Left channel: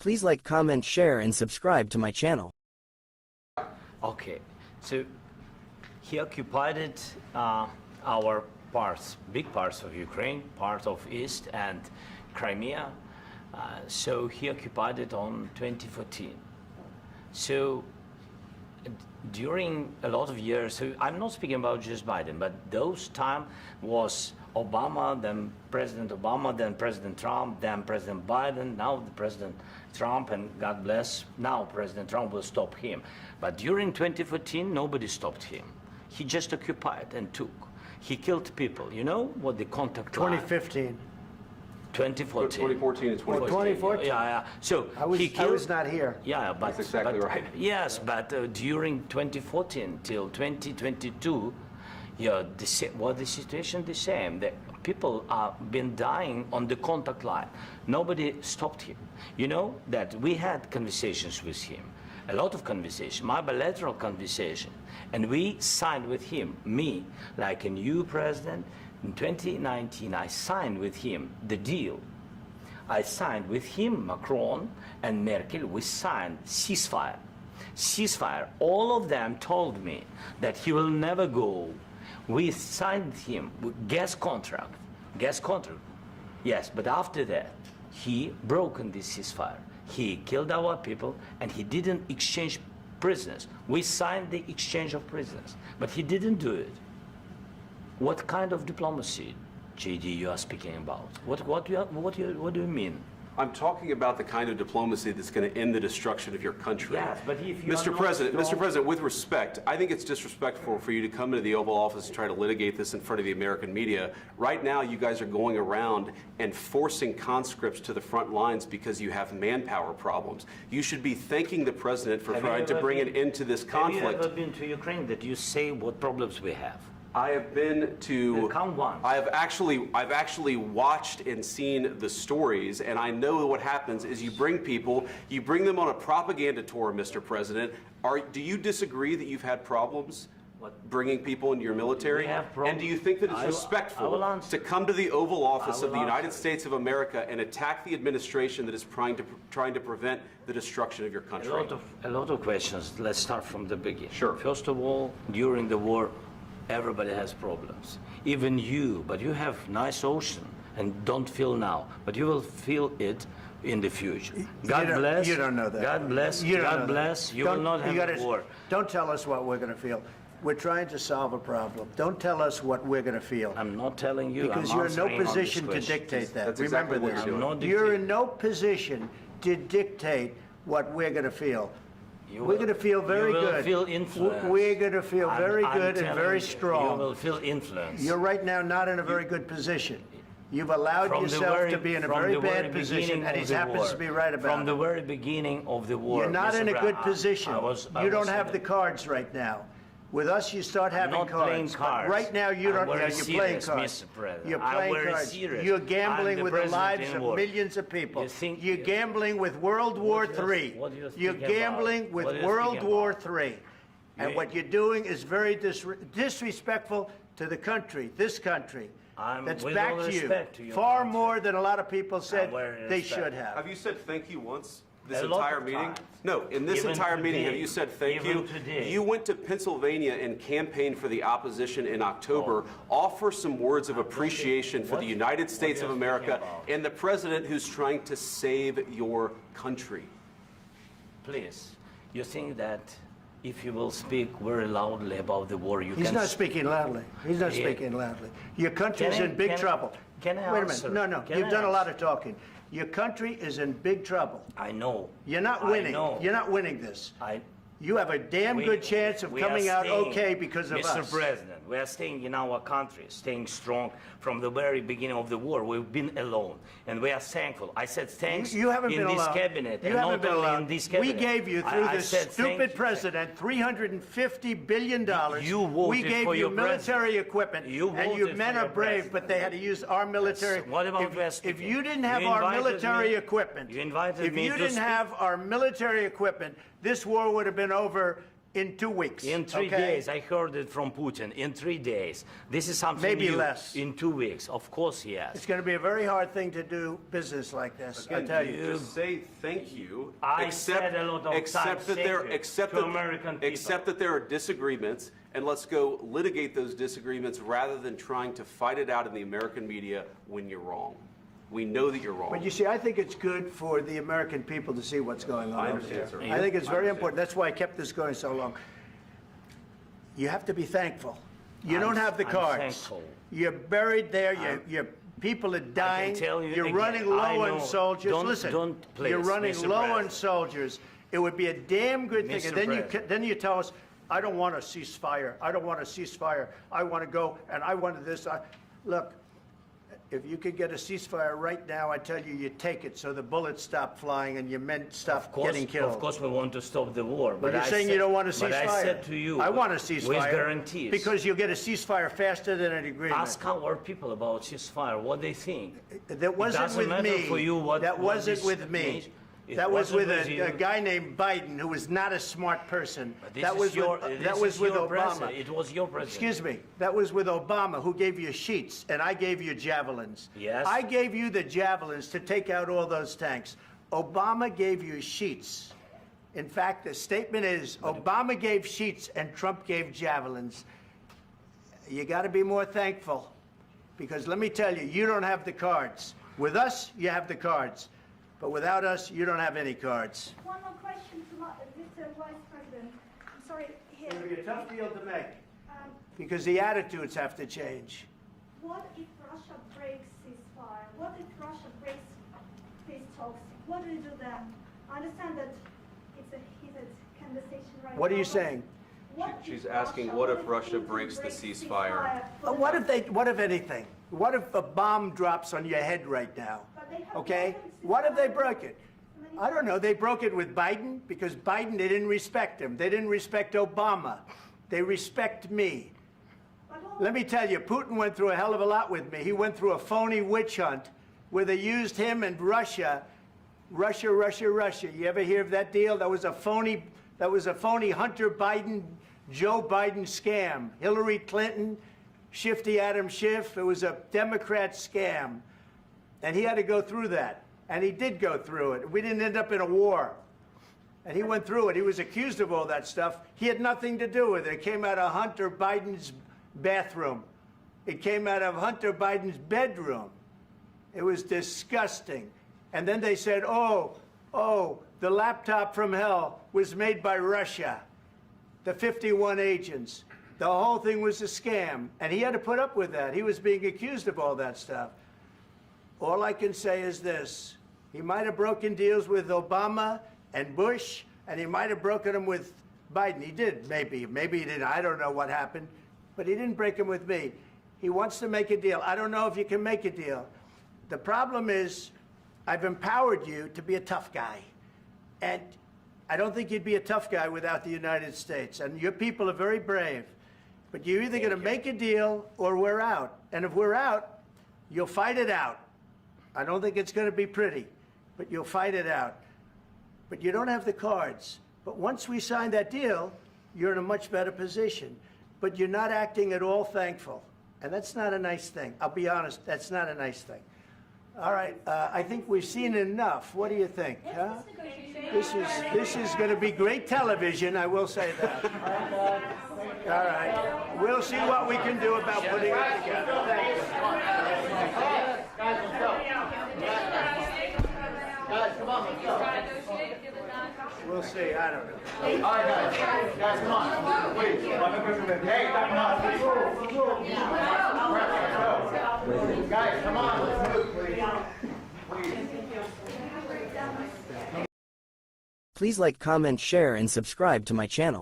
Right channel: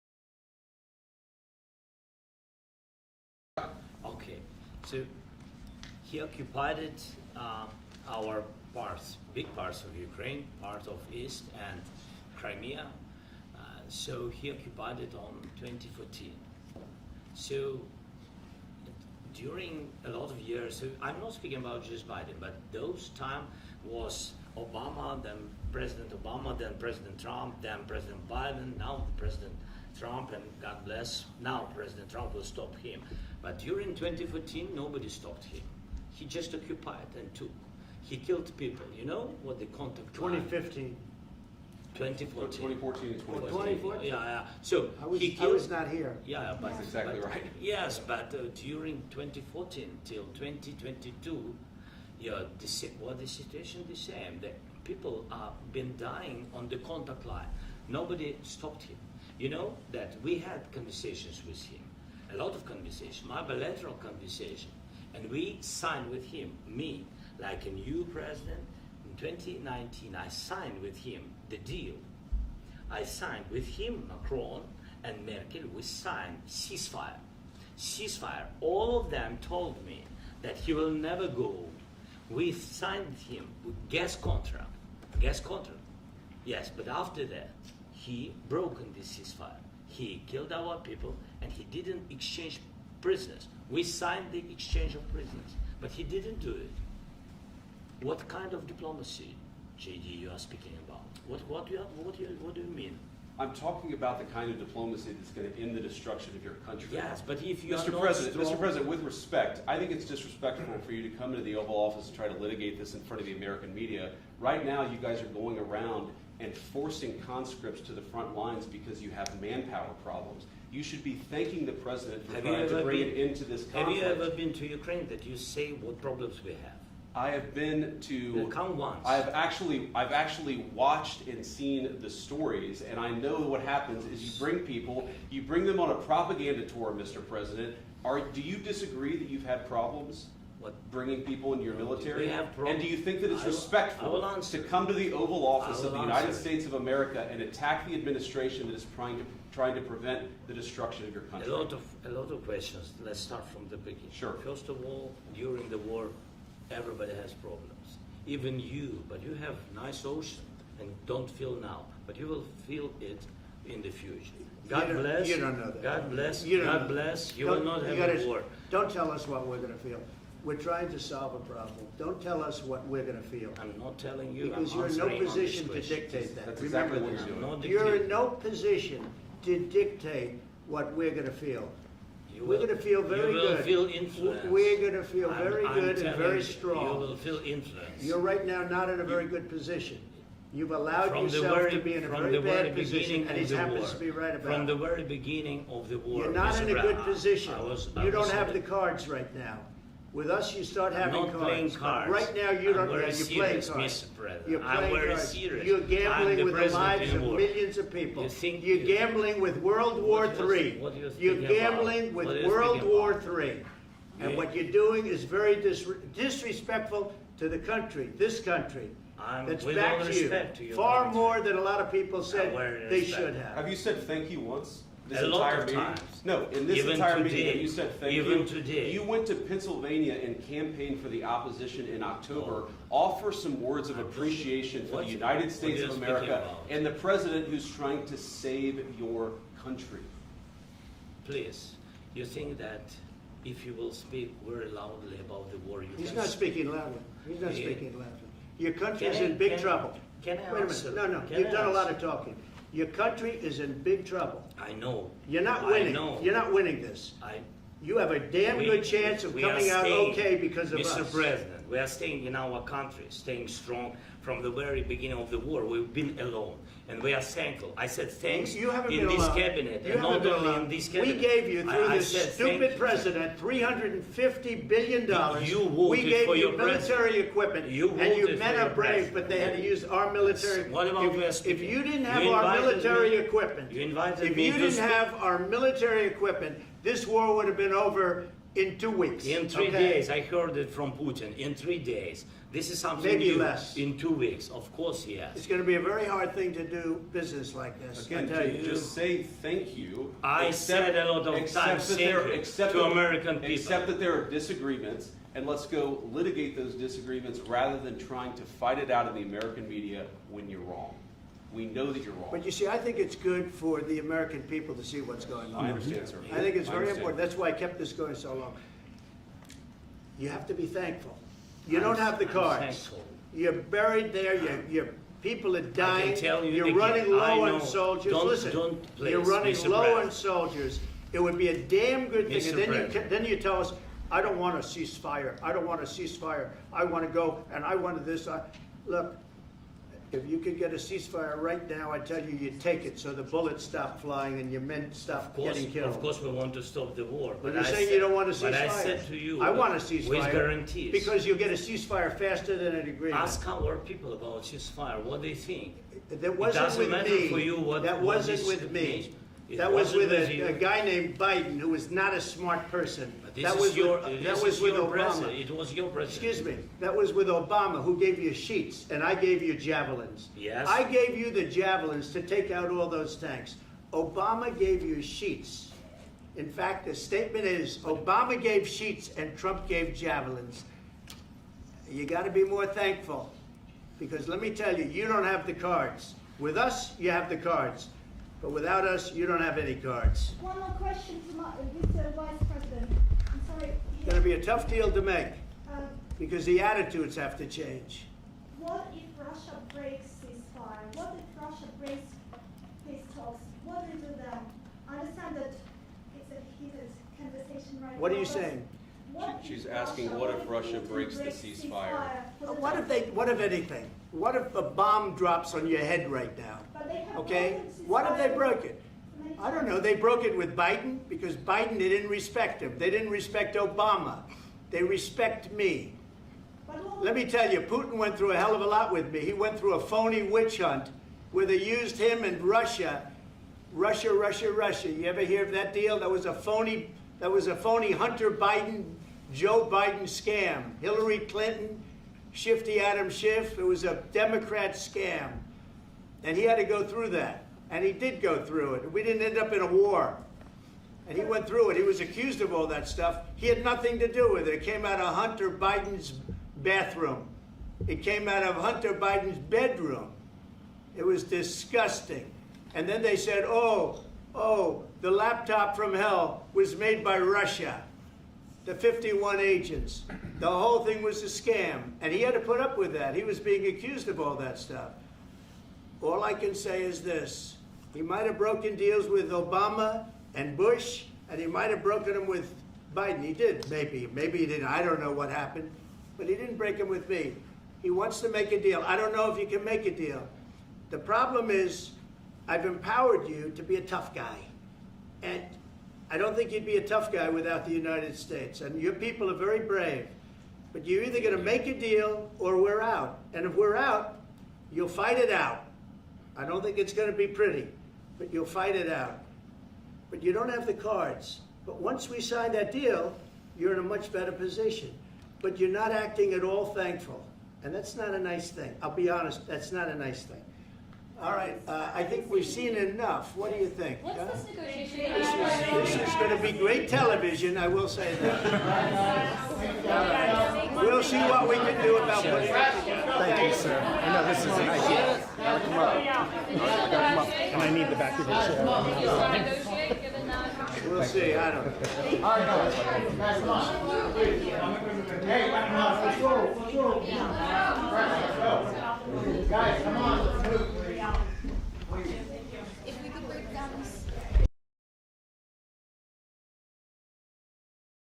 Please like, comment, share, and subscribe to my channel. Okay, so he occupied our parts, big parts of Ukraine, part of East and Crimea. So he occupied it on 2014. So during a lot of years, so I'm not speaking about just Biden, but those time was Obama, then President Obama, then President Trump, then President Biden, now President Trump, and God bless, now President Trump will stop him. But during 2014, nobody stopped him. He just occupied and took. He killed people. You know what the contact line? 2015. 2014. 2014 and 2015. 2014. Yeah. So I was not here. Yeah, but That's exactly right. Yes, but during 2014 till 2022, yeah, the situation the same. The people are been dying on the contact line. Nobody stopped him. You know that we had conversations with him, a lot of conversation, my bilateral conversation, and we signed with him, me, like a new president. In 2019, I signed with him the deal. I signed with him, Macron and Merkel, we signed ceasefire. Ceasefire. All of them told me that he will never go. We signed him with gas contract. Yes, but after that, he broken this ceasefire. He killed our people and he didn't exchange prisoners. We signed the exchange of prisoners, but he didn't do it. What kind of diplomacy, JD, you are speaking about? What do you mean? I'm talking about the kind of diplomacy that's going to end the destruction of your country. Yes, but if you Mr. President, with respect, I think it's disrespectful for you to come into the Oval Office and try to litigate this in front of the American media. Right now, you guys are going around and forcing conscripts to the front lines because you have manpower problems. You should be thanking the President for trying to bring an end to this conflict. Have you ever been to Ukraine that you say what problems we have? I have been to. Count once. I've actually watched and seen the stories, and I know what happens is you bring people, you bring them on a propaganda tour, Mr. President. Do you disagree that you've had problems bringing people into your military? We have and do you think that it's respectful to come to the Oval Office of the United States of America and attack the administration that is trying to prevent the destruction of your country? A lot of questions. Let's start from the beginning. Sure. First of all, during the war, everybody has problems, even you, but you have nice ocean and don't feel now, but you will feel it in the future. God bless. You don't know that. God bless. You don't God know bless. that. You will not have a war. Don't tell us what we're going to feel. We're trying to solve a problem. Don't tell us what we're going to feel. I'm not telling you. Because I'm you're in no answering on position this to question. dictate that. That's Remember exactly what this. you're doing. You're in no position to dictate what we're going to feel. We're going to feel very good. You will feel influence. We're going to feel very I'm good and telling very you, strong. You will feel influence. You're right now not in a very good position. You've allowed yourself to be in a very bad position, and he happens to be right about it. From the very beginning of the war. You're not in a good position. You don't have the cards. cards right now. With us, you start having not cards. playing cards. Right now, you don't. I'm very You're serious, playing cards. Mr. President. You're I'm playing very cards. serious. You're I'm gambling the with the president lives in of war. millions of people. You think You're gambling with World War III. what you're You're speaking gambling about? with What are you World speaking War about? III. And what you're doing is very disrespectful to the country, this country. That's with back all to you. respect to your Far country. more than a lot of people said very they respect. should have. Have you said thank you once? This A lot entire of meeting? times. No, in this Even entire meeting, today. have you said thank Even you? today. You went to Pennsylvania and campaigned for the opposition in October. Offer some words of appreciation for the United States of you America speaking about? and the president who's trying to save your country. Please, you think that if you will speak very loudly about the war, you He's can... not speaking loudly. He's not Yeah. speaking loudly. Your country's Can I- in big can I- trouble. can I Wait a answer? minute. No. Can You've I done a lot answer? of talking. Your country is in big trouble. I know. You're not I winning. know. You're not winning this. You have a damn good chance of we coming are out staying, okay because of Mr. us. President, we are staying in our country, staying strong from the very beginning of the war. We've been alone, and we are thankful. I said thanks You haven't in been this alone. cabinet, You and haven't not been only alone. in this We cabinet. gave you, through I this said thank stupid you. president, $350 billion. You voted we gave for you your military equipment, You and you voted men for are your brave, president. but they had to use our military. What about West? If you didn't have You our invited military me- equipment, you invited if me you to didn't speak. have our military equipment, this war would have been over In 2 weeks. In 3 days, I heard it from Putin. In 3 days, this is something Maybe new. less. In 2 weeks, of course, yes. It's going to be a very hard thing to do business like this. Again, I tell you. just say thank you. I said a lot of times to American people. Accept that there are disagreements, and let's go litigate those disagreements rather than trying to fight it out in the American media when you're wrong. We know that you're wrong. But you see, I think it's good for the American people to see what's going on. I understand, sir. I think it's I very understand. important. That's why I kept this going so long. You have to be thankful. You don't have the I'm cards. thankful. You're buried there. Your people are dying. tell you You're again, running I low know. on soldiers. Don't- Listen, don't please, you're running Mr. low on President. soldiers. It would be a damn good thing. Mr. And then President. then you tell us, I don't want a ceasefire. I don't want a ceasefire. I want to go and I wanted this. Look, if you could get a ceasefire right now, I tell you, you take it so the bullets stop flying and your men stop getting killed. Of course, we want to stop the war. But you're I saying said- you don't want a ceasefire. But I said to you, I want a ceasefire. with guarantees. Because you'll get a ceasefire faster than an agreement. Ask our people about ceasefire, what they think. That wasn't doesn't with matter me. for you what- That what wasn't this with me. means. It That was wasn't with with you. a guy named Biden, who was not a smart person. This That is was your, with, this that is was with your Obama. president. It was your president. Excuse me. That was with Obama, who gave you sheets, and I gave you javelins. Yes. I gave you the javelins to take out all those tanks. Obama gave you sheets. In fact, the statement is, Obama gave sheets and Trump gave javelins. You got to be more thankful, because let me tell you, you don't have the cards. With us, you have the cards. But without us, you don't have any cards. One more question to Mr. Vice President. I'm sorry. It's going to be a tough deal to make, Um, because the attitudes have to change. what if Russia breaks ceasefire? What if Russia breaks peace talks? What do you do then? I understand that it's a heated conversation right now. What are you but saying? what She's if asking, what if Russia breaks the ceasefire? What if anything? What if a bomb drops on your head right now? But they have Okay? broken What if they ceasefire broke it? many I don't times. know. They broke it with Biden, because Biden, they didn't respect him. They didn't respect Obama. They respect me. But what Let me tell you, Putin went through a hell of a lot with me. He went through a phony witch hunt where they used him and Russia. Russia. You ever hear of that deal? That was a phony Hunter Biden, Joe Biden scam. Hillary Clinton, Shifty Adam Schiff. It was a Democrat scam. And he had to go through that. And he did go through it. We didn't end up in a war. And he went through it. He was accused of all that stuff. He had nothing to do with it. It came out of Hunter Biden's bathroom. It came out of Hunter Biden's bedroom. It was disgusting. And then they said, oh, the laptop from hell was made by Russia. The 51 agents. The whole thing was a scam. And he had to put up with that. He was being accused of all that stuff. All I can say is this. He might have broken deals with Obama and Bush, and he might have broken them with Biden. He did, maybe. Maybe he didn't. I don't know what happened. But he didn't break them with me. He wants to make a deal. I don't know if you can make a deal. The problem is, I've empowered you to be a tough guy. And I don't think you'd be a tough guy without the United States. And your people are very brave. But you're either going to make a deal or we're out. And if we're out, you'll fight it out. I don't think it's going to be pretty, but you'll fight it out. But you don't have the cards. But once we sign that deal, you're in a much better position. But you're not acting at all thankful. And that's not a nice thing. I'll be honest, that's not a nice thing. All right, I think we've seen enough. What do you think? What's huh? this negotiation? This is going to be great television, I will say that. All right. We'll see what we can do about putting it together. Thanks. And I need the back of the chair. We'll see. I don't know. All right, guys, come on. Wait. Hey, guys, come on. Let's move, please. Please like, comment, share, and subscribe to my channel.